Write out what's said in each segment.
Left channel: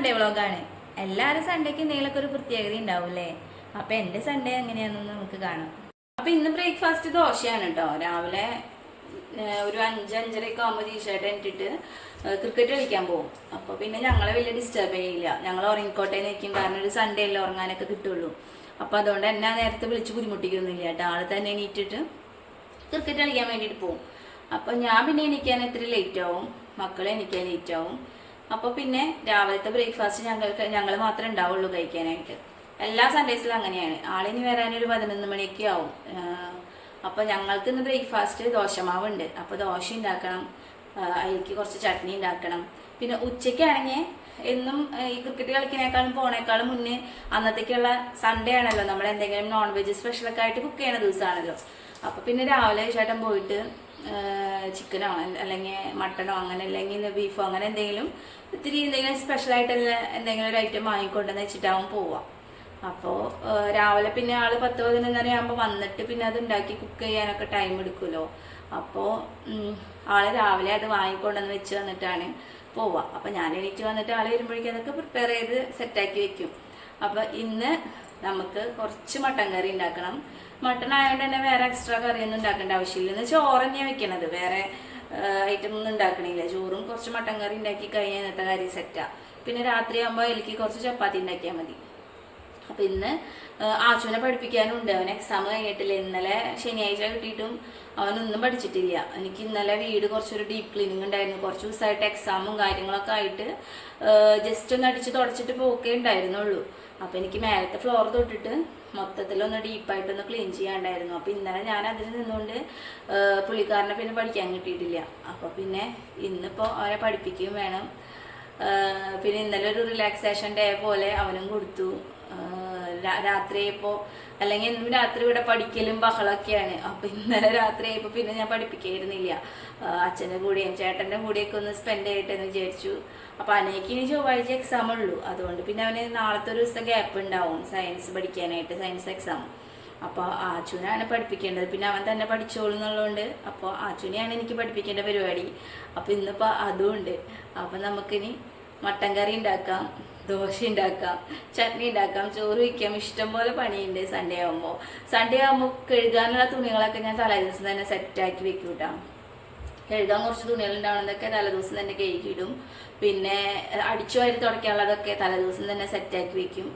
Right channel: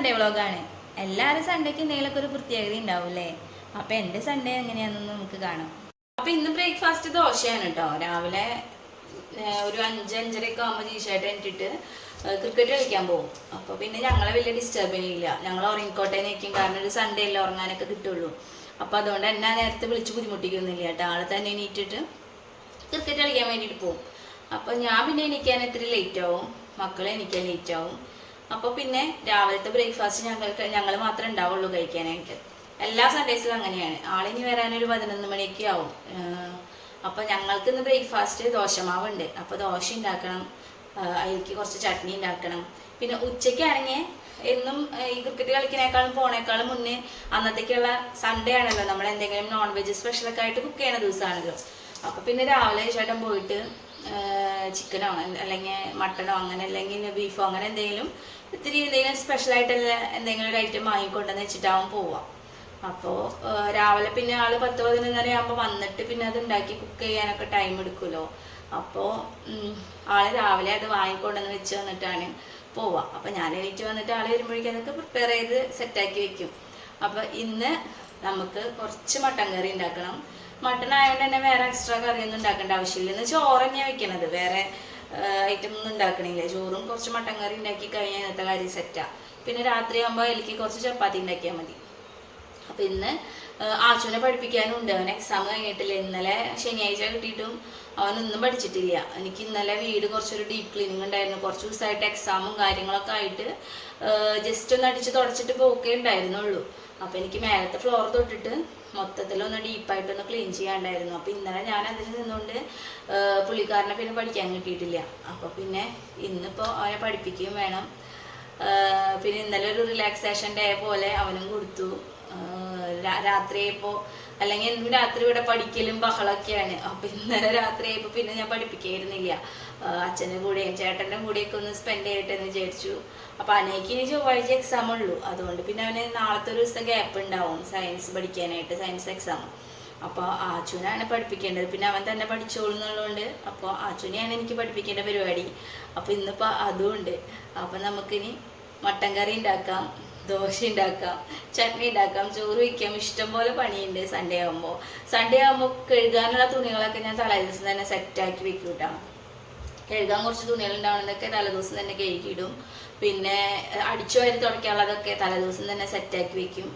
Sunday വ്ളോഗാണ്. എല്ലാവരും സൺഡേക്ക് എന്തെങ്കിലുമൊക്കെ ഒരു പ്രത്യേകത ഉണ്ടാവില്ലേ? അപ്പം എൻ്റെ സൺഡേ എങ്ങനെയാണെന്ന് നമുക്ക് കാണാം. അപ്പം ഇന്ന് ബ്രേക്ക്ഫാസ്റ്റ് ദോശയാണ് കേട്ടോ. രാവിലെ ഒരു 5-5:30 ആകുമ്പോൾ ജീഷായിട്ട് എണീറ്റിട്ട് ക്രിക്കറ്റ് കളിക്കാൻ പോകും. അപ്പോൾ പിന്നെ ഞങ്ങളെ വലിയ ഡിസ്റ്റർബ് ചെയ്യില്ല. ഞങ്ങൾ ഉറങ്ങിക്കോട്ടെ നിൽക്കും, കാരണം ഒരു സൺഡേ അല്ലേ ഉറങ്ങാനൊക്കെ കിട്ടുള്ളൂ. അപ്പോൾ അതുകൊണ്ട് എന്നെ നേരത്തെ വിളിച്ച് ബുദ്ധിമുട്ടിക്കുന്നില്ല കേട്ടോ. ആൾ തന്നെ എണീറ്റിട്ട് ക്രിക്കറ്റ് കളിക്കാൻ വേണ്ടിയിട്ട് പോകും. അപ്പോൾ ഞാൻ പിന്നെ എണീക്കാൻ ഇത്തിരി ലേറ്റ് ആവും, മക്കളെ എണീക്കാൻ ലേറ്റ് ആവും. അപ്പോൾ പിന്നെ രാവിലത്തെ ബ്രേക്ക്ഫാസ്റ്റ് ഞങ്ങൾ മാത്രമേ ഉണ്ടാവുള്ളൂ കഴിക്കാനായിട്ട്. എല്ലാ സൺഡേസിലും അങ്ങനെയാണ്. ആളിനി വരാനൊരു 11 മണിയൊക്കെ ആവും. അപ്പോൾ ഞങ്ങൾക്ക് ഇന്ന് ബ്രേക്ക്ഫാസ്റ്റ് ദോശമാവുണ്ട്. അപ്പോൾ ദോശ ഉണ്ടാക്കണം, അതിലേക്ക് കുറച്ച് ചട്നി ഉണ്ടാക്കണം. പിന്നെ ഉച്ചയ്ക്കാണെങ്കിൽ എന്നും ഈ ക്രിക്കറ്റ് കളിക്കുന്നേക്കാളും പോണേക്കാളും മുന്നേ അന്നത്തേക്കുള്ള സൺഡേ ആണല്ലോ, നമ്മൾ എന്തെങ്കിലും നോൺ വെജ് സ്പെഷ്യലൊക്കെ ആയിട്ട് കുക്ക് ചെയ്യണ ദിവസമാണല്ലോ. അപ്പോൾ പിന്നെ രാവിലെ ചേട്ടൻ പോയിട്ട് ചിക്കനോ അല്ലെങ്കിൽ മട്ടണോ അങ്ങനെ അല്ലെങ്കിൽ ബീഫോ അങ്ങനെ എന്തെങ്കിലും സ്പെഷ്യലായിട്ടുള്ള എന്തെങ്കിലും ഒരു ഐറ്റം വാങ്ങിക്കൊണ്ടെന്ന് വെച്ചിട്ടാവും പോവാം. അപ്പോൾ രാവിലെ പിന്നെ ആൾ 10-11 ആകുമ്പോൾ വന്നിട്ട് പിന്നെ അത് ഉണ്ടാക്കി കുക്ക് ചെയ്യാനൊക്കെ ടൈം എടുക്കുമല്ലോ. അപ്പോൾ ആൾ രാവിലെ അത് വാങ്ങിക്കൊണ്ടെന്ന് വെച്ച് വന്നിട്ടാണ് പോവുക. അപ്പോൾ ഞാൻ എണീറ്റ് വന്നിട്ട് ആൾ വരുമ്പോഴേക്കും അതൊക്കെ പ്രിപ്പയർ ചെയ്ത് സെറ്റാക്കി വെക്കും. അപ്പോൾ ഇന്ന് നമുക്ക് കുറച്ച് മട്ടൻ കറി ഉണ്ടാക്കണം. മട്ടൺ ആയതുകൊണ്ട് തന്നെ വേറെ എക്സ്ട്രാ കറിയൊന്നും ഉണ്ടാക്കേണ്ട ആവശ്യമില്ല. ഇന്ന് ചോറ് തന്നെയാണ് വെക്കണത്, വേറെ ഐറ്റം ഒന്നും ഉണ്ടാക്കണില്ല. ചോറും കുറച്ച് മട്ടൻ കറി ഉണ്ടാക്കി കഴിഞ്ഞാൽ ഇന്നത്തെ കാര്യം സെറ്റാണ്. പിന്നെ രാത്രി ആകുമ്പോൾ എനിക്ക് കുറച്ച് ചപ്പാത്തി ഉണ്ടാക്കിയാൽ മതി. അപ്പം ഇന്ന് ആച്ചുവിനെ പഠിപ്പിക്കാനുണ്ട്. അവൻ എക്സാം കഴിഞ്ഞിട്ടില്ല. ഇന്നലെ ശനിയാഴ്ച കിട്ടിയിട്ടും അവനൊന്നും പഠിച്ചിട്ടില്ല. എനിക്ക് ഇന്നലെ വീട് കുറച്ചൊരു ഡീപ്പ് ക്ലീനിങ് ഉണ്ടായിരുന്നു. കുറച്ച് ദിവസമായിട്ട് എക്സാമും കാര്യങ്ങളൊക്കെ ആയിട്ട് ജസ്റ്റ് ഒന്ന് അടിച്ച് തുടച്ചിട്ട് പോക്കേ ഉണ്ടായിരുന്നുള്ളൂ. അപ്പോൾ എനിക്ക് മേലത്തെ ഫ്ലോർ തൊട്ടിട്ട് മൊത്തത്തിലൊന്ന് ഡീപ്പായിട്ടൊന്ന് ക്ലീൻ ചെയ്യാണ്ടായിരുന്നു. അപ്പോൾ ഇന്നലെ ഞാൻ അതിൽ നിന്നുകൊണ്ട് പുള്ളിക്കാരനെ പിന്നെ പഠിക്കാൻ കിട്ടിയിട്ടില്ല. അപ്പോൾ പിന്നെ ഇന്നിപ്പോൾ അവനെ പഠിപ്പിക്കുകയും വേണം. പിന്നെ ഇന്നലെ ഒരു റിലാക്സേഷൻ ഡേ പോലെ അവനും കൊടുത്തു. രാത്രിയായപ്പോൾ, അല്ലെങ്കിൽ എന്നും രാത്രി ഇവിടെ പഠിക്കലും ബഹളമൊക്കെയാണ്. അപ്പം ഇന്നലെ രാത്രിയായപ്പോൾ പിന്നെ ഞാൻ പഠിപ്പിക്കായിരുന്നില്ല. അച്ഛൻ്റെ കൂടെയും ചേട്ടൻ്റെ കൂടെയൊക്കെ ഒന്ന് സ്പെൻഡ് ചെയ്യട്ടെന്ന് വിചാരിച്ചു. അപ്പോൾ അനേക്ക് ഇനി ചൊവ്വാഴ്ച എക്സാം ഉള്ളൂ. അതുകൊണ്ട് പിന്നെ അവന് നാളത്തെ ഒരു ദിവസം ഗ്യാപ്പ് ഉണ്ടാവും സയൻസ് പഠിക്കാനായിട്ട്, സയൻസ് എക്സാം. അപ്പോൾ ആച്ചുവിനാണ് പഠിപ്പിക്കേണ്ടത്. പിന്നെ അവൻ തന്നെ പഠിച്ചോളൂ എന്നുള്ളതുകൊണ്ട് അപ്പോൾ ആച്ചുവിനെയാണ് എനിക്ക് പഠിപ്പിക്കേണ്ട പരിപാടി. അപ്പോൾ ഇന്നിപ്പോൾ അതും ഉണ്ട്. അപ്പോൾ നമുക്കിനി മട്ടൻ കറി ഉണ്ടാക്കാം, ദോശ ഉണ്ടാക്കാം, ചട്നി ഉണ്ടാക്കാം, ചോറ് വയ്ക്കാം. ഇഷ്ടംപോലെ പണിയുണ്ട് സൺഡേ ആകുമ്പോൾ കഴുകാനുള്ള തുണികളൊക്കെ ഞാൻ തലേദിവസം തന്നെ സെറ്റാക്കി വെക്കും കേട്ടോ. കഴുകാൻ കുറച്ച് തുണികളുണ്ടാവുന്നതൊക്കെ തലേദിവസം തന്നെ കഴുകിയിടും. പിന്നെ അടിച്ചു വാരി തുടയ്ക്കാനുള്ളതൊക്കെ തലേദിവസം തന്നെ സെറ്റാക്കി വെക്കും.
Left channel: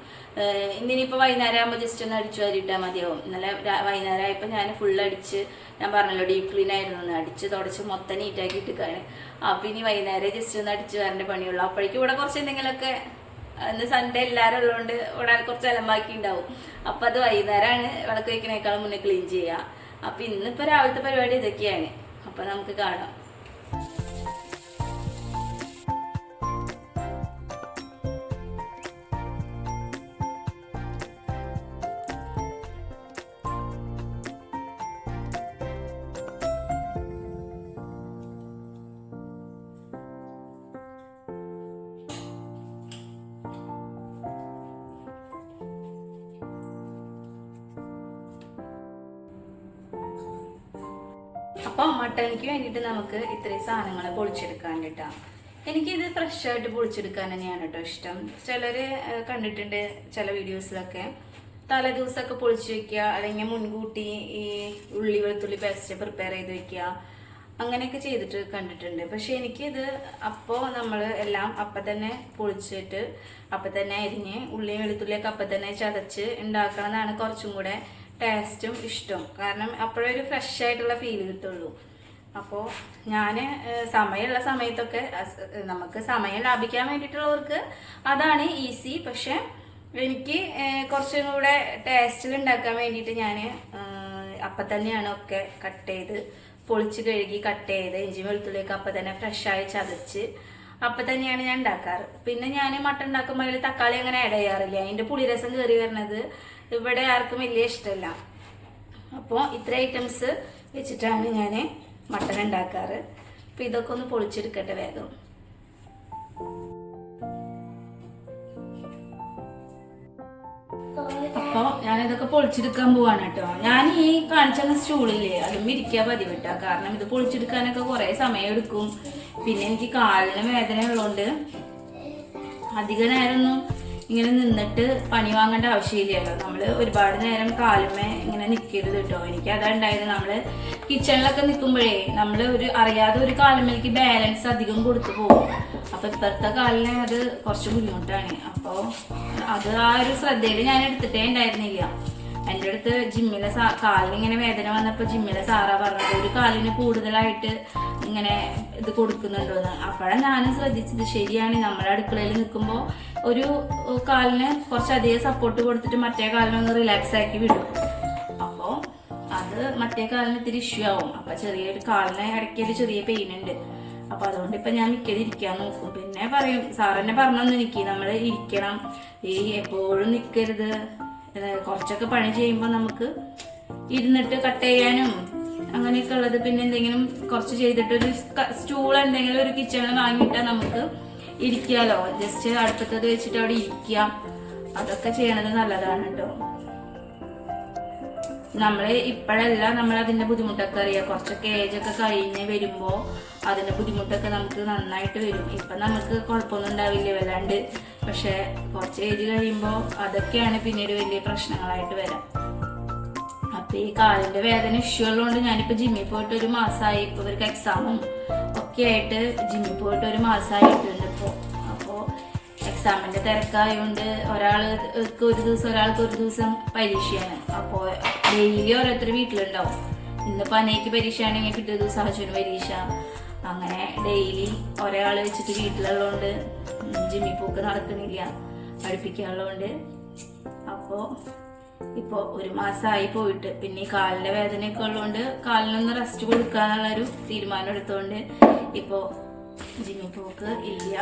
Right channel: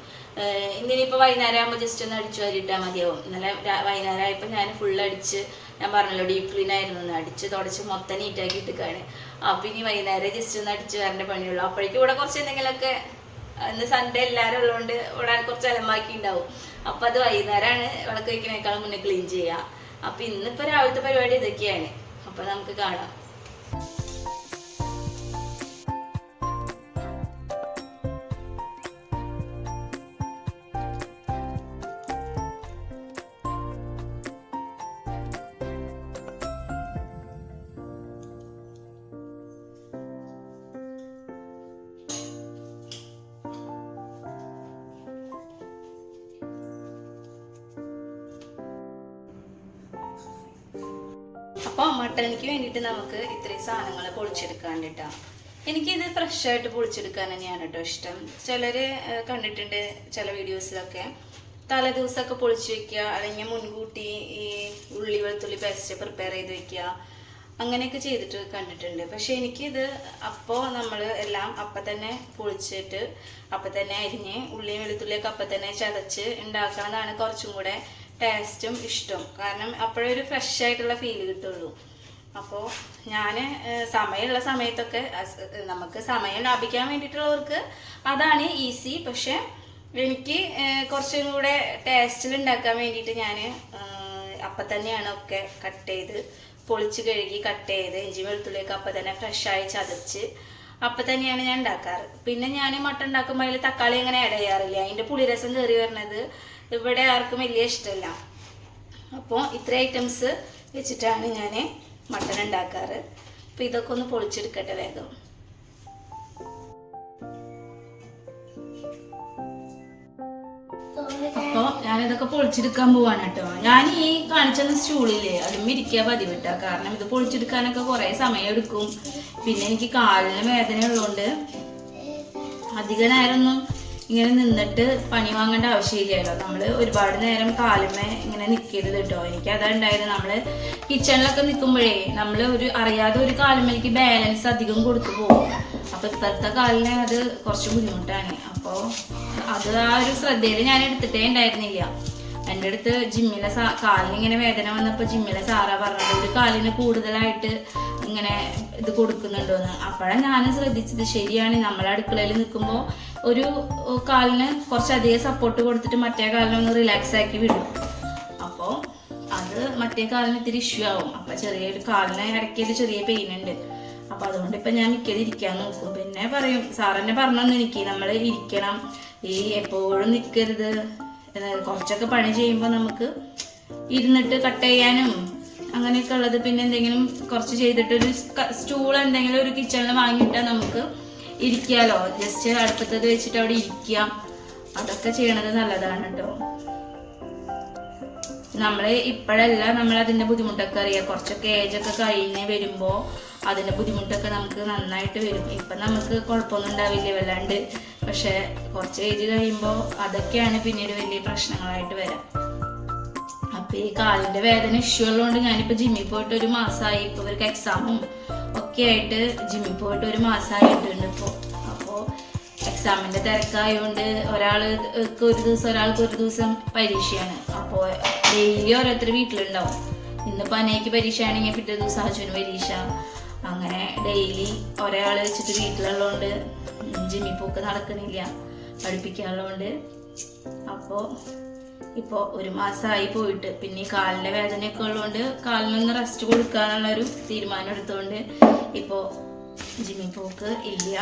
ഇന്നിനിപ്പോൾ വൈകുന്നേരം ആകുമ്പോൾ ജസ്റ്റ് ഒന്ന് അടിച്ചു വാരി ഇട്ടാൽ മതിയാവും. ഇന്നലെ വൈകുന്നേരം ആയപ്പോൾ ഞാൻ ഫുൾ അടിച്ച്, ഞാൻ പറഞ്ഞല്ലോ ഡീപ്പ് ക്ലീൻ ആയിരുന്നു, അടിച്ച് തുടച്ച് മൊത്തം നീറ്റാക്കി ഇട്ടിക്കാണ്. അപ്പോൾ ഇനി വൈകുന്നേരം ജസ്റ്റ് ഒന്ന് അടിച്ച് വരേണ്ട പണിയുള്ളൂ. അപ്പോഴേക്കും ഇവിടെ കുറച്ച് എന്തെങ്കിലുമൊക്കെ, ഇന്ന് സൺഡേ എല്ലാവരും ഉള്ളതുകൊണ്ട് ഇവിടെ കുറച്ച് അലമ്പാക്കി ഉണ്ടാവും. അപ്പോൾ അത് വൈകുന്നേരമാണ് വിളക്ക് വയ്ക്കുന്നേക്കാളും മുന്നേ ക്ലീൻ ചെയ്യുക. അപ്പോൾ ഇന്നിപ്പോൾ രാവിലത്തെ പരിപാടി ഇതൊക്കെയാണ്. അപ്പോൾ നമുക്ക് കാണാം. അപ്പോൾ മട്ടണിക്ക് വേണ്ടിയിട്ട് നമുക്ക് ഇത്രയും സാധനങ്ങൾ പൊളിച്ചെടുക്കാൻ വേണ്ടിയിട്ടാണ്. എനിക്കിത് ഫ്രഷായിട്ട് പൊളിച്ചെടുക്കാൻ തന്നെയാണ് കേട്ടോ ഇഷ്ടം. ചിലർ കണ്ടിട്ടുണ്ട് ചില വീഡിയോസിലൊക്കെ തലേദിവസമൊക്കെ പൊളിച്ച് വയ്ക്കുക, അല്ലെങ്കിൽ മുൻകൂട്ടി ഈ ഉള്ളി വെളുത്തുള്ളി പേസ്റ്റ് പ്രിപ്പയർ ചെയ്ത് വയ്ക്കുക, അങ്ങനെയൊക്കെ ചെയ്തിട്ട് കണ്ടിട്ടുണ്ട്. പക്ഷെ എനിക്കിത് അപ്പോൾ നമ്മൾ എല്ലാം അപ്പം തന്നെ പൊളിച്ചിട്ട് അപ്പം തന്നെ അരിഞ്ഞ് ഉള്ളിയും വെളുത്തുള്ളിയൊക്കെ അപ്പം തന്നെ ചതച്ച് ഉണ്ടാക്കാനാണ് കുറച്ചും കൂടെ ടേസ്റ്റും ഇഷ്ടം. കാരണം അപ്പോഴൊരു ഫ്രഷ് ആയിട്ടുള്ള ഫീല് കിട്ടുള്ളൂ. അപ്പോൾ ഞാൻ സമയമുള്ള സമയത്തൊക്കെ, നമുക്ക് സമയം ലാഭിക്കാൻ വേണ്ടിയിട്ടുള്ളവർക്ക് അതാണ് ഈസി. പക്ഷെ എനിക്ക് കുറച്ചും കൂടെ ടേസ്റ്റിൽ ഉണ്ടാക്കാൻ വേണ്ടിയിട്ട് ഞാൻ അപ്പം തന്നെയാണ് ഒക്കെ കട്ട് ചെയ്ത് പൊളിച്ച് കഴുകി കട്ട് ചെയ്ത് ഇഞ്ചി വെളുത്തുള്ളിയൊക്കെ അപ്പം തന്നെ ഫ്രഷായി ചതച്ച് അപ്പം തന്നെയാണ് ഞാൻ ഉണ്ടാക്കാറ്. പിന്നെ ഞാൻ മട്ടൺ ഉണ്ടാക്കുമ്പോൾ അതിൽ തക്കാളി അങ്ങനെ ആഡ് ചെയ്യാറില്ല. അതിൻ്റെ പുളിരസം കയറി വരുന്നത് ഇവിടെ ആർക്കും വലിയ ഇഷ്ടമല്ല. അപ്പോൾ ഇത്ര ഐറ്റംസ് വെച്ചിട്ടാണ് ഞാൻ മട്ടൺ ഉണ്ടാക്കാറ്. അപ്പോൾ ഇതൊക്കെ ഒന്ന് പൊളിച്ചെടുക്കട്ടെ വേഗം. അപ്പോൾ ഞാനിതൊക്കെ പൊളിച്ചെടുക്കാൻ പോവാണ് കേട്ടോ. ഞാൻ ഈ കാണിച്ചെന്ന സ്റ്റൂളില്ലേ അതും ഇരിക്കാൻ പതിവിട്ടാ. കാരണം ഇത് പൊളിച്ചെടുക്കാനൊക്കെ കുറേ സമയം എടുക്കും. പിന്നെ എനിക്ക് കാലിന് വേദന ഉള്ളതുകൊണ്ട് അധിക നേരമൊന്നും ഇങ്ങനെ നിന്നിട്ട് പണി വാങ്ങേണ്ട ആവശ്യമില്ലല്ലോ. നമ്മൾ ഒരുപാട് നേരം കാലുമേ ഇങ്ങനെ നിൽക്കരുത് കേട്ടോ. എനിക്ക് അതാ ഉണ്ടായത്. നമ്മൾ കിച്ചണിലൊക്കെ നിൽക്കുമ്പോഴേ നമ്മൾ അറിയാതെ ഒരു കാലുമേലേക്ക് ബാലൻസ് അധികം കൊടുത്തു പോകും. അപ്പോൾ ഇപ്പോഴത്തെ കാലിന് അത് കുറച്ച് ബുദ്ധിമുട്ടാണ്. അപ്പോൾ അത് ആ ഒരു ശ്രദ്ധയിൽ ഞാൻ എടുത്തിട്ടേ ഉണ്ടായിരുന്നില്ല. എൻ്റെ അടുത്ത് ജിമ്മിലെ കാലിനിങ്ങനെ വേദന വന്നപ്പോൾ ജിമ്മിലെ സാറാ പറഞ്ഞത് ഒരു കാലിന് കൂടുതലായിട്ട് ഇങ്ങനെ ഇത് കൊടുക്കുന്നുണ്ടോന്ന്. അപ്പോഴാണ് ഞാനും ശ്രദ്ധിച്ചത്, ശരിയാണ്, നമ്മൾ അടുക്കളയിൽ നിൽക്കുമ്പോൾ ഒരു കാലിന് കുറച്ചധികം സപ്പോർട്ട് കൊടുത്തിട്ട് മറ്റേ കാലിനൊന്ന് റിലാക്സ് ആക്കി വിടും. അപ്പോൾ അത് മറ്റേ കാലിന് ഇത്തിരി ഇഷ്യൂ ആവും. അപ്പോൾ ചെറിയൊരു കാലിന് ഇടയ്ക്കൊരു ചെറിയ പെയിൻ ഉണ്ട്. അപ്പോൾ അതുകൊണ്ട് ഇപ്പം ഞാൻ മിക്കത് ഇരിക്കാൻ നോക്കും. പിന്നെ പറയും, സാറെന്നെ പറഞ്ഞു എനിക്ക് നമ്മൾ ഇരിക്കണം, ഈ എപ്പോഴും നിൽക്കരുത്, കുറച്ചൊക്കെ പണി ചെയ്യുമ്പോൾ നമുക്ക് ഇരുന്നിട്ട് കട്ട് ചെയ്യാനും അങ്ങനെയൊക്കെ ഉള്ളത്. പിന്നെ എന്തെങ്കിലും കുറച്ച് ചെയ്തിട്ട് ഒരു സ്റ്റൂൾ എന്തെങ്കിലും ഒരു കിച്ചണിൽ വാങ്ങിയിട്ടാൽ നമുക്ക് ഇരിക്കാമല്ലോ. ജസ്റ്റ് അടുപ്പത്തത് വെച്ചിട്ട് അവിടെ ഇരിക്കാം. അതൊക്കെ ചെയ്യണത് നല്ലതാണ് കേട്ടോ. നമ്മൾ ഇപ്പോഴല്ല നമ്മൾ അതിൻ്റെ ബുദ്ധിമുട്ടൊക്കെ അറിയാം. കുറച്ചൊക്കെ ഏജൊക്കെ കഴിഞ്ഞ് വരുമ്പോൾ അതിൻ്റെ ബുദ്ധിമുട്ടൊക്കെ നമുക്ക് നന്നായിട്ട് വരും. ഇപ്പം നമുക്ക് കുഴപ്പമൊന്നും ഉണ്ടാവില്ല വല്ലാണ്ട്. പക്ഷെ കുറച്ച് ഏജ് കഴിയുമ്പോൾ അതൊക്കെയാണ് പിന്നീട് വലിയ പ്രശ്നങ്ങളായിട്ട് വരാം. അപ്പം ഈ കാലിൻ്റെ വേദന ഇഷ്യൂ ഉള്ളതുകൊണ്ട് ഞാനിപ്പോൾ ജിമ്മിൽ പോയിട്ട് ഒരു മാസമായി. ഇപ്പോൾ ഇവർക്ക് എക്സാമും ഒക്കെ ആയിട്ട് ജിമ്മിൽ പോയിട്ട് ഒരു മാസമായിട്ടുണ്ട് ഇപ്പോൾ. അപ്പോൾ എക്സാമിൻ്റെ തിരക്കായതുകൊണ്ട് ഒരാൾക്ക് ഒരു ദിവസം പരീക്ഷയാണ്. അപ്പോൾ ഡെയിലി ഓരോരുത്തർ വീട്ടിലുണ്ടാവും. ഇന്നിപ്പോൾ അനേക്ക് പരീക്ഷയാണെങ്കിൽ പിറ്റേ ദിവസം അച്ഛന് പരീക്ഷ. അങ്ങനെ ഡെയിലി ഒരാൾ വെച്ചിട്ട് വീട്ടിലുള്ളതുകൊണ്ട് ജിമ്മിൽ പോക്ക് നടക്കണില്ല, പഠിപ്പിക്കാനുള്ളതുകൊണ്ട്. അപ്പോൾ ഇപ്പോൾ ഒരു മാസമായി പോയിട്ട്. പിന്നെ ഈ കാലിൻ്റെ വേദനയൊക്കെ ഉള്ളതുകൊണ്ട് കാലിനൊന്ന് റെസ്റ്റ് കൊടുക്കാന്നുള്ളൊരു തീരുമാനം എടുത്തുകൊണ്ട് ഇപ്പോൾ ജിമ്മിൽ പോക്ക് ഇല്ല.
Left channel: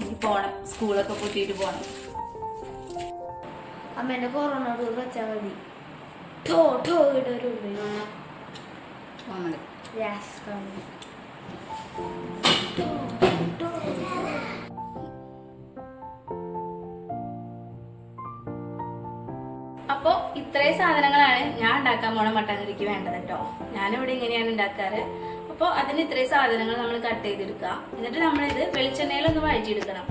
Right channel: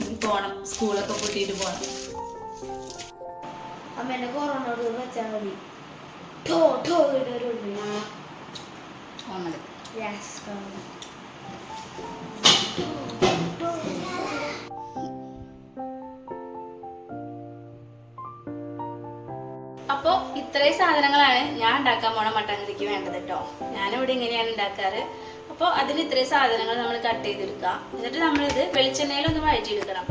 ഇനി പോകണം, സ്കൂളൊക്കെ പൊട്ടിയിട്ട് പോകണം. അമ്മേനെ കൊറോണ വെച്ചാൽ മതി. അപ്പോൾ ഇത്രയും സാധനങ്ങളാണ് ഞാൻ ഉണ്ടാക്കാൻ പോണ മട്ടൻ കറിക്ക് വേണ്ടത് കേട്ടോ. ഞാനിവിടെ ഇങ്ങനെയാണ് ഉണ്ടാക്കാറ്. അപ്പോൾ അതിന് ഇത്രയും സാധനങ്ങൾ നമ്മൾ കട്ട് ചെയ്തെടുക്കുക. എന്നിട്ട് നമ്മളിത് വെളിച്ചെണ്ണയിലൊന്ന് വഴറ്റിയെടുക്കണം.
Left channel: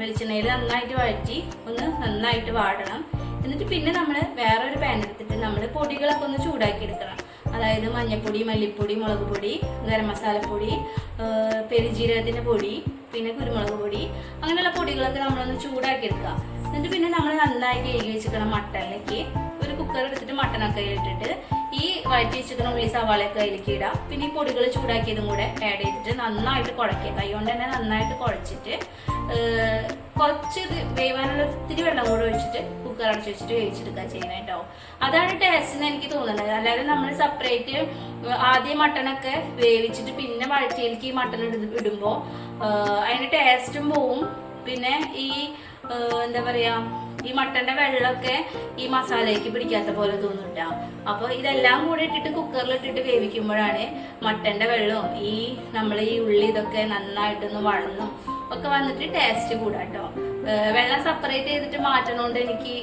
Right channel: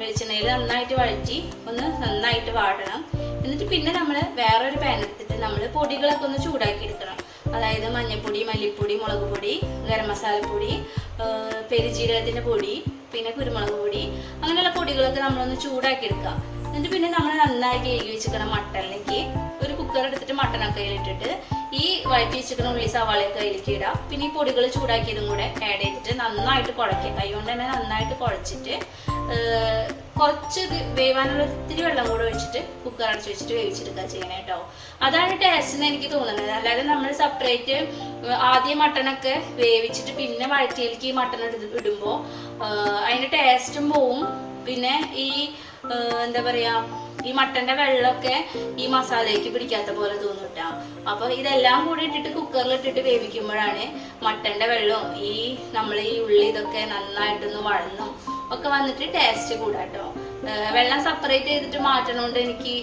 വെളിച്ചെണ്ണയിൽ നന്നായിട്ട് വഴറ്റി ഒന്ന് നന്നായിട്ട് വാടണം. എന്നിട്ട് പിന്നെ നമ്മൾ വേറൊരു പാൻ എടുത്തിട്ട് നമ്മൾ പൊടികളൊക്കെ ഒന്ന് ചൂടാക്കി എടുക്കണം. അതായത് മഞ്ഞൾപ്പൊടി, മല്ലിപ്പൊടി, മുളക് പൊടി, ഗരം മസാലപ്പൊടി, പെരുജീരകത്തിൻ്റെ പൊടി, പിന്നെ കുരുമുളക് പൊടി, അങ്ങനെയുള്ള പൊടികളൊക്കെ നമ്മളൊന്ന് ചൂടാക്കി എടുക്കുക. എന്നിട്ട് പിന്നെ നമ്മൾ നന്നായിട്ട് കഴുകി വെച്ചിരിക്കണം മട്ടണിലേക്ക് ഒരു കുക്കർ എടുത്തിട്ട് മട്ടനൊക്കെ അതിലിട്ടിട്ട് ഈ വഴറ്റി വെച്ചിരിക്കുന്ന ഉള്ളി സവാളയൊക്കെ അതിലേക്ക് ഇടാം. പിന്നെ ഈ പൊടികൾ ചൂടാക്കിയതും കൂടെ ആഡ് ചെയ്തിട്ട് നന്നായിട്ട് കുഴയ്ക്കുക. കൈ കൊണ്ട് തന്നെ നന്നായിട്ട് കുഴച്ചിട്ട് കുറച്ച് വേവാനുള്ള ഒത്തിരി വെള്ളം കൂടെ ഒഴിച്ചിട്ട് കുക്കർ അടച്ച് വെച്ചിട്ട് വേവിച്ചെടുക്കുക ചെയ്യണേ കേട്ടോ. അതാണ് ടേസ്റ്റ് എന്ന് എനിക്ക് തോന്നുന്നത്. അല്ലാതെ നമ്മൾ സെപ്പറേറ്റ് ആദ്യം മട്ടനൊക്കെ വേവിച്ചിട്ട് പിന്നെ വഴറ്റിയിലേക്ക് ഈ മട്ടൺ ഇടുമ്പോൾ അതിൻ്റെ ടേസ്റ്റും പോവും. പിന്നെ ഈ എന്താ പറയാ, ഈ മട്ടന്റെ വെള്ളമൊക്കെ ഈ മസാലയ്ക്ക് പിടിക്കാത്ത പോലെ തോന്നും കേട്ടോ. അപ്പോൾ ഇതെല്ലാം കൂടി ഇട്ടിട്ട് കുക്കറിലിട്ടിട്ട് വേവിക്കുമ്പോഴാണ് മട്ടന്റെ വെള്ളവും ഈ നമ്മൾ ഈ ഉള്ളി ഇതൊക്കെ നന്നായിട്ടൊന്ന് വഴന്നും ഒക്കെ വന്നിട്ട് ടേസ്റ്റ് കൂടാട്ടോ. വെള്ളം സെപ്പറേറ്റ് ചെയ്തിട്ട് മാറ്റണോണ്ട് എനിക്ക്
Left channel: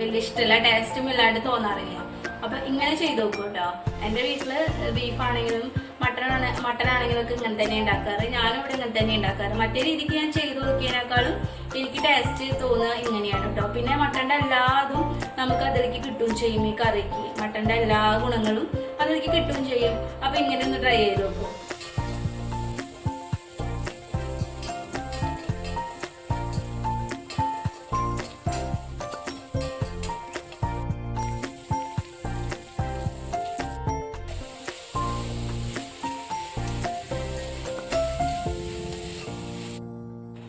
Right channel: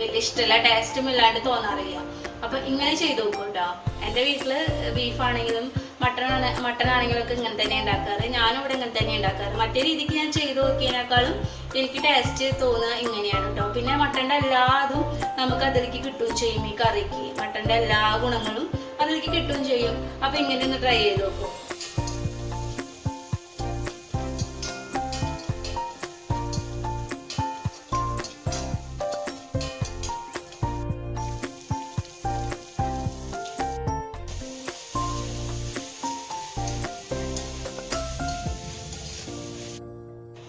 വലിയ ഇഷ്ടമല്ല, ടേസ്റ്റും ഇല്ലാണ്ട് തോന്നാറില്ല. അപ്പൊ ഇങ്ങനെ ചെയ്ത് നോക്കും കേട്ടോ. എൻ്റെ വീട്ടില് ബീഫാണെങ്കിലും മട്ടനാണെങ്കിലും ഒക്കെ ഇങ്ങനെ തന്നെ ഉണ്ടാക്കാറ്. ഞാനും ഇവിടെ ഇങ്ങനെ തന്നെ ഉണ്ടാക്കാറ്. മറ്റേ രീതിക്ക് ഞാൻ ചെയ്ത് നോക്കിയതിനേക്കാളും എനിക്ക് ടേസ്റ്റ് തോന്നുക ഇങ്ങനെയാണ് കേട്ടോ. പിന്നെ മട്ടൻ്റെ എല്ലാതും നമുക്ക് അതിലേക്ക് കിട്ടുകയും ചെയ്യും. ഈ കറിക്ക് മട്ടൻ്റെ എല്ലാ ഗുണങ്ങളും അതിലേക്ക് കിട്ടുകയും ചെയ്യും. അപ്പൊ ഇങ്ങനെ ഒന്ന് ട്രൈ ചെയ്ത് നോക്കും.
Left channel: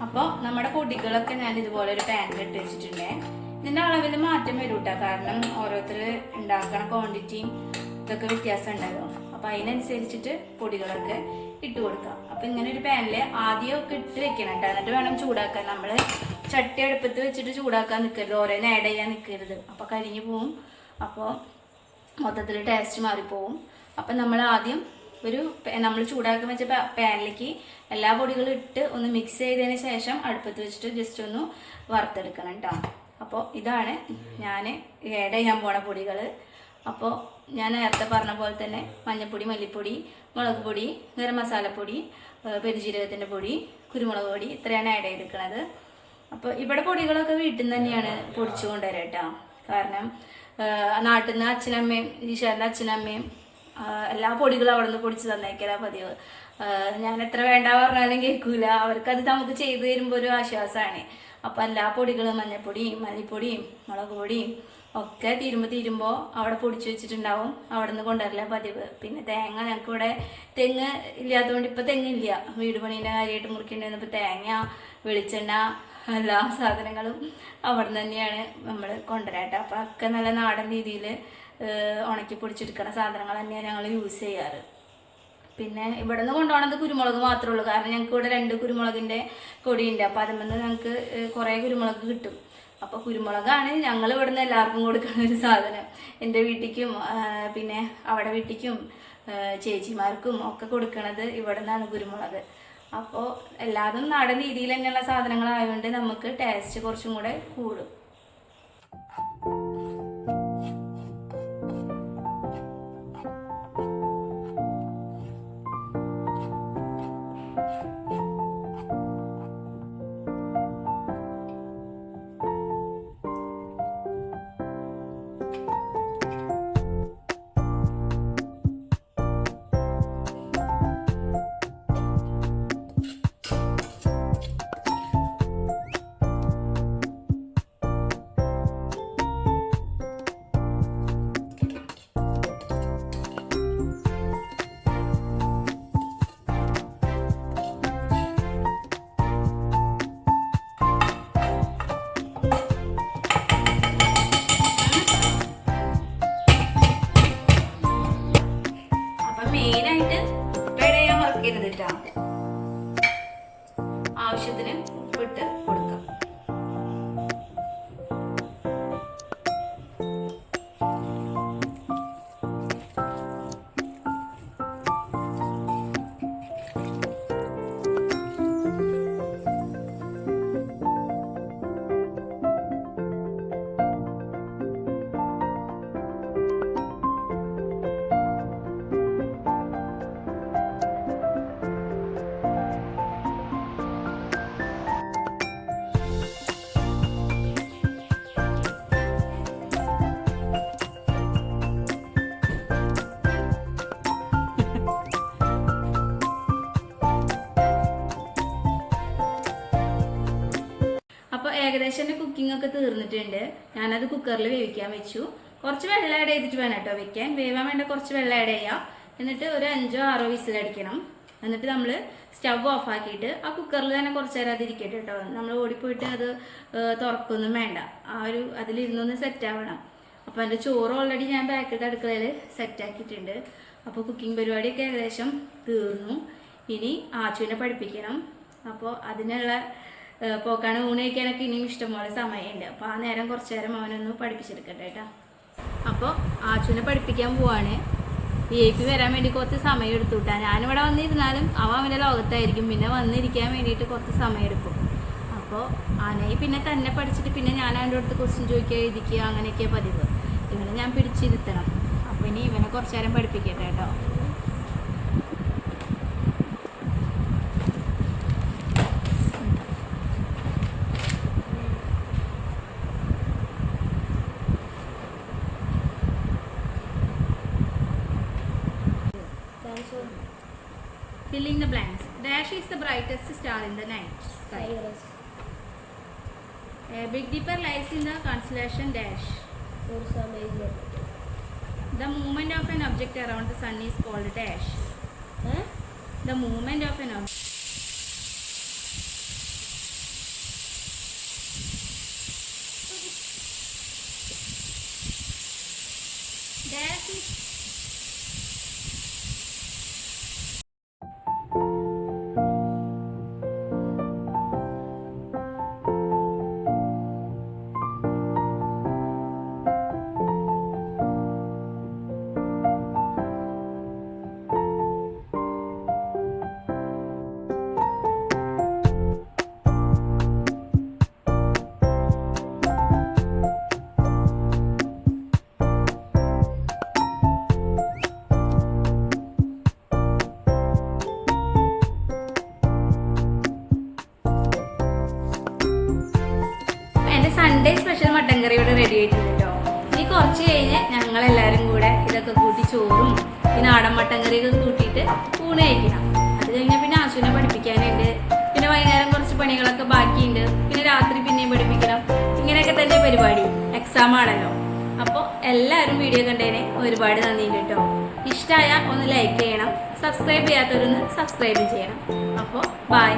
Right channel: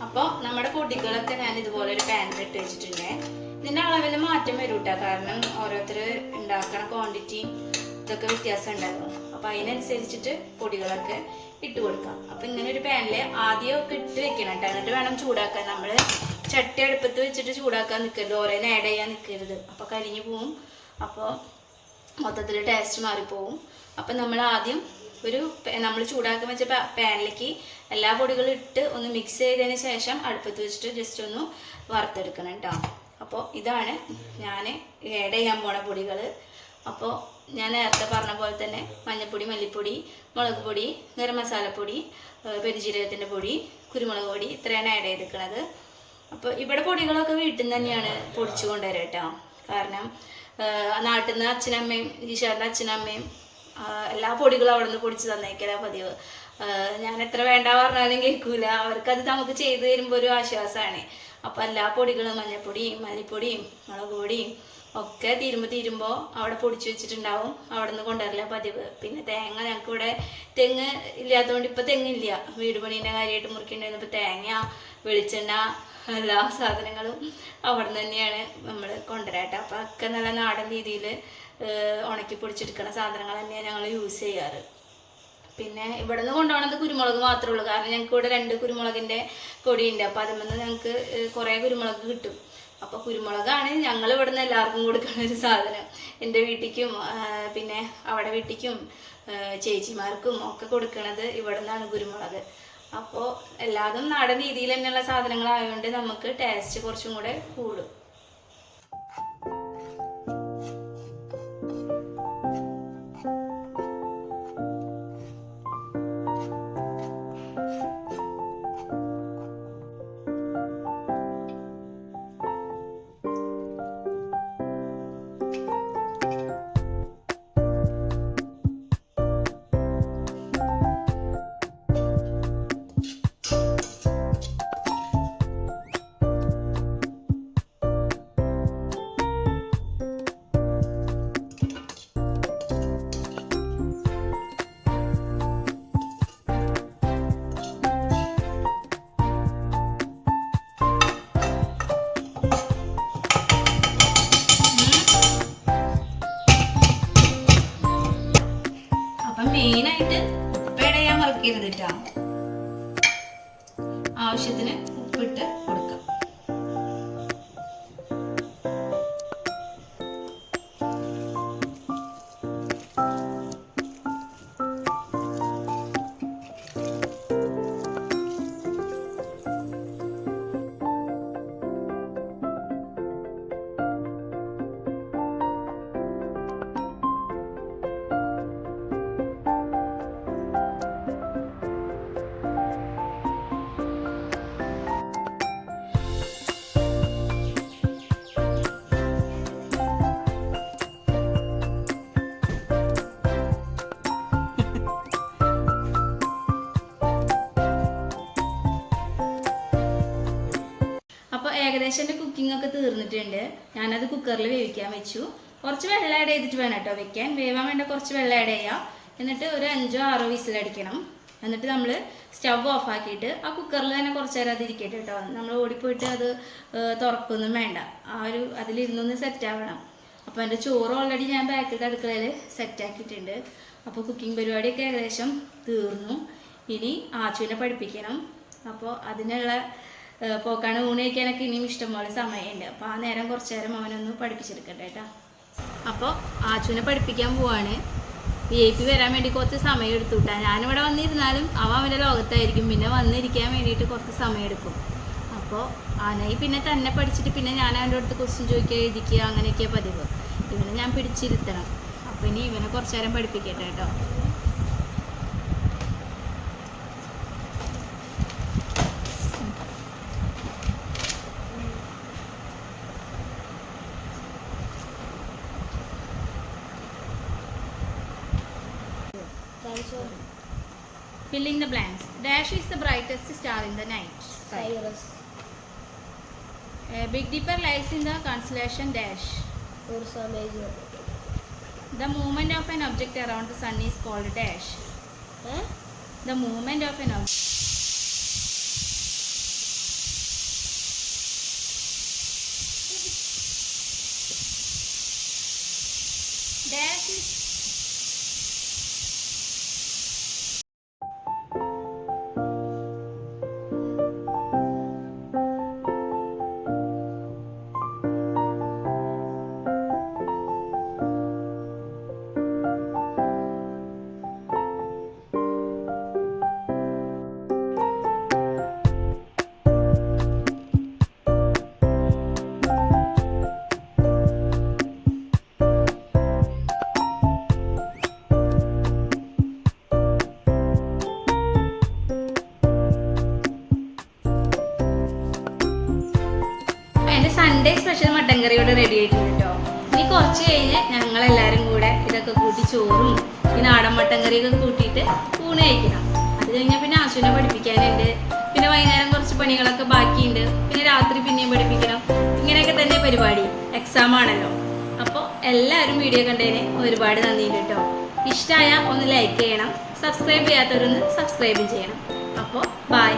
അപ്പോൾ നമ്മുടെ പൊടികളൊക്കെ ഞാൻ ഇതുപോലെ ഒരു പാനിൽ ഇട്ട് വെച്ചിട്ടുണ്ട്. ഇതിൻ്റെ അളവിൽ മാറ്റം വരും കേട്ടോ. കാരണം ഓരോരുത്തർ ഉണ്ടാക്കണ ക്വാണ്ടിറ്റിയും ഇതൊക്കെ വ്യത്യാസം ഉണ്ടല്ലോ. അപ്പോൾ അതിനനുസരിച്ചിട്ട് പൊടികളൊക്കെ ഇട്ട് കൊടുക്കാം. അപ്പോൾ ഇങ്ങനെ ഒരു പാനിൽ ആദ്യമൊക്കെ ഇട്ട് വെക്കണം കേട്ടോ. എന്നിട്ട് വേണം ചൂടാക്കാൻ. നമ്മൾ ചട്ടി അടുപ്പത്ത് വെച്ചിട്ട് ചൂടാക്കാൻ നിൽക്കരുത്, ഓരോന്ന് ആഡ് ചെയ്യാൻ നിൽക്കരുത്. അപ്പോൾ കരിഞ്ഞു പോവും. അപ്പോൾ മൊത്തത്തിൽ ടേസ്റ്റ് മാറിപ്പോവും. അപ്പം നമ്മൾ ആദ്യം നമ്മൾ ചൂടാക്കാൻ വെച്ച പാനിലേക്ക് എല്ലാ പൊടികളും ഇട്ട് ഒന്ന് മിക്സ് ചെയ്തതിന് ശേഷം അടുപ്പത്ത് വെച്ചിട്ട് ജസ്റ്റ് ഒന്ന് വറുത്തെടുക്കണം കേട്ടോ. അപ്പോൾ ഇതാണ് ഞാൻ ആഡ് ചെയ്യാൻ പോണ പൊടികൾ. അപ്പോൾ ഞാൻ നേരത്തെ പറഞ്ഞ പോലെ തന്നെ മഞ്ഞൾപ്പൊടി, മല്ലിപ്പൊടി, മുളക് പൊടി, ഗരം മസാലപ്പൊടി, പെരുജീരകത്തിൻ്റെ പൊടി, കുരുമുളക് പൊടി, ഇത്രയാണ് ആഡ് ചെയ്തിരിക്കുന്നത്. അപ്പോൾ ഇവിടെ പൊടികളൊക്കെ വീട്ടിൽ നിന്ന് തന്നെയാണ് പൊടിച്ചു കൊണ്ടുവരാം കേട്ടോ. കാരണം നാട്ടിൽ നിന്ന് അച്ഛനമ്മയും ഈശ്വരൻ്റെ അച്ഛനമ്മയും എല്ലാ പൊടികളും അവിടെ നിന്ന് പൊടിച്ച് തന്നേക്കലാ പതിവ്. ഞാൻ എത്ര വേണ്ട പറഞ്ഞാലും കേൾക്കൂല. അവർക്കത് നമുക്ക് ചെയ്തു തരുമ്പോൾ ഒരു ആശ്വാസമാണ്. അപ്പോൾ എല്ലാ പൊടികളും മഞ്ഞൾപ്പൊടിയും മല്ലിപ്പൊടിയും മുളക് പൊടിയും ഒക്കെ തീരുമ്പോൾ അവിടെ പൊടിച്ചു വെച്ചിട്ടുണ്ടാവും. അവിടെ നിന്ന് കൊണ്ടുവരില്ല പതിവ്. പിന്നെ തേങ്ങ ഞങ്ങൾക്ക് ഇവിടെ തെങ്ങ് ഇല്ലാത്തതുകൊണ്ട് ഇപ്പോൾ തെങ്ങില്ല. വീട് പണീൻ്റെ കാര്യമായിട്ട് മുറിക്കേണ്ടി ഇപ്പോൾ തേങ്ങ, വെളിച്ചെണ്ണ, എല്ലാ സാധനങ്ങളും അവിടെ നിന്ന് തന്നെയാണ് നമ്മൾ കൊണ്ടുവരാട്ടോ. അപ്പോൾ ഒക്കെ നല്ല നാടൻ രീതിയിൽ ഉണക്കി പൊടിച്ചെടുക്കുന്ന സാധനങ്ങൾ തന്നെയാണ് ഞങ്ങൾ യൂസ് ചെയ്യാറ്. പിന്നെ ഇവിടെ നിന്ന് കൊണ്ടുപോകണത് കുരുമുളക് മാത്രമേ ഉള്ളൂ. കാരണം ഞങ്ങൾക്ക് ഇവിടെ 2 കുരുമുളകിൻ്റെ കൊടിയുണ്ട്. അപ്പോൾ അതിൽ നിന്ന് ഞങ്ങൾക്ക് കുറേ കുരുമുളക് കിട്ടും. അപ്പോൾ കുരുമുളകാണ് ഞങ്ങൾ ഇവിടെ നിന്ന് എല്ലാവർക്കും കൊടുക്കുന്ന ഒരു സാധനം. എൻ്റെ വീട്ടിലേക്കും പിന്നെ അവിടെ വീട്ടിലേക്കും ചേച്ചിമാർക്കും ഒക്കെ കൊടുക്കണത് ഇവിടെ നിന്നാണ് കുരുമുളക്. അപ്പോൾ എല്ലാതും നാടൻ രീതിയിൽ തന്നെയുള്ള സാധനങ്ങളായതുകൊണ്ട് നമുക്ക് ടേസ്റ്റ് കുറച്ചും കൂടെ കൂടും. മെയിനായിട്ട് ഉപ്പിട ഞാൻ മറക്കരുത് കേട്ടോ. ആവശ്യത്തിന് ഉപ്പിട്ട് കൊടുക്കാം. ഏകദേശം എൻ്റെ കുക്കിംഗ് ഒക്കെ തീർന്നിട്ടുണ്ട്. ഞാനത് കുക്കറിൽ വേവിക്കാൻ വെച്ചു. കുറച്ച് വെള്ളം ആഡ് ചെയ്തിട്ട് വേണം കേട്ടോ വെക്കാൻ. വേവാൻ വേണ്ട കുറച്ച് വെള്ളം ആഡ് ചെയ്യാം. എന്നിട്ട് ഒരു 5-6 വിസിലടിക്കണം. എന്നിട്ട് നമ്മൾ സ്റ്റവ് ഓഫ് ആക്കിയിട്ട് ആ കുക്കറിൽ തന്നെ കുറച്ച് നേരം അതിരിക്കട്ടെ കേട്ടോ. നമ്മൾ ഓടിപ്പോയിട്ട് അത് തുറക്കൊന്നും വേണ്ട. അതിലിരുന്നൊന്ന് സെറ്റ് ആവണം. അപ്പോൾ എൻ്റെ ചോറ് ഓൾറെഡി ഞാൻ ബാക്കിലത്തെ അടുക്കളയിൽ സെറ്റാക്കിയിട്ടുണ്ട്. അപ്പോൾ കുക്കിംഗ് പരിപാടിയൊക്കെ ഏകദേശം തീർന്നു. ഇനി ആച്ചുവിനെ പഠിപ്പിക്കണം. അപ്പോൾ അതിനുള്ള പോക്കാണ്. ഊണ് കഴിക്കാനൊക്കെ ഇനിയും ഇഷ്ടംപോലെ സമയമുണ്ട്. അപ്പോൾ ആ നേരം കുറച്ച് നേരം അവനൊന്ന് പഠിപ്പിച്ചെടുക്കട്ടെ കേട്ടോ. അപ്പോൾ ആച്ചുവിനെ പഠിപ്പിക്കാൻ പോവാണ്. VIP വരാൻ വേണ്ടി കുറച്ച് സമയം എടുത്തു കിട്ടാൻ. ഞാനിവിടെ വന്നിരുന്നാലും അവൻ്റെ ലോകത്തായിരിക്കും. പിന്നെ വന്നിരിക്കാൻ വേണ്ടിയിട്ട് കുറച്ച് സമയം എടുക്കും. അപ്പോൾ ആനയി പിന്നെ തന്നെ പഠിച്ചിട്ട് പിന്നെ ഞാൻ അവൻ്റെ അടുത്ത് ക്വസ്റ്റ്യൻ ചോദിക്കുക, എഴുതിക്കുക, അങ്ങനെയൊക്കെ പതിവ്. ഇവനെ ഞാൻ പിടിച്ചിരുത്തണം. അപ്പോൾ ഇനി ഇവനെ കുറച്ച് നേരം പഠിപ്പിക്കട്ടെ കേട്ടോ. Filling the blanks. Dash is the brightest star in the night sky. Big Dipper lies in the constellation Dash. The movement of an object around the sun is called Dash. The movement of an object. Dash is Sunday special mutton curry ഇവിടെ ready ആയിട്ടുണ്ട് കേട്ടോ. ഇനി കുറച്ച് കഴിഞ്ഞ് ഞങ്ങളെല്ലാവരും കൂടെ ഇതൊക്കെ കൂട്ടി ചോറും ഈ നാടൻ മട്ടൻ കറിയൊക്കെ കൂട്ടിയിട്ട് ഊണ് കഴിക്കണം. അത് കഴിഞ്ഞാൽ പിന്നെ ആശുവിനെ പഠിപ്പിക്കാനുണ്ട്. പിന്നെ വൈകുന്നേരം കുറച്ച് പണികളൊക്കെ ബാക്കിയുണ്ട്. പിന്നെ രാത്രി പിന്നെയും പഠിപ്പിക്കണം. ഇങ്ങനെയൊക്കെ തന്നെ പരിപാടി. എക്സാം ആണല്ലോ. അപ്പോൾ എല്ലാവരും വീഡിയോ കണ്ടതിന് ഒരുപാട് നന്ദിയുണ്ട് കേട്ടോ. ഇഷ്ടമായ ഒന്ന് ലൈക്ക് ചെയ്യണം. സബ്സ്ക്രൈബ് ചെയ്യാത്തവരൊന്ന് സബ്സ്ക്രൈബ് ചെയ്യണം. അപ്പോൾ ബൈ.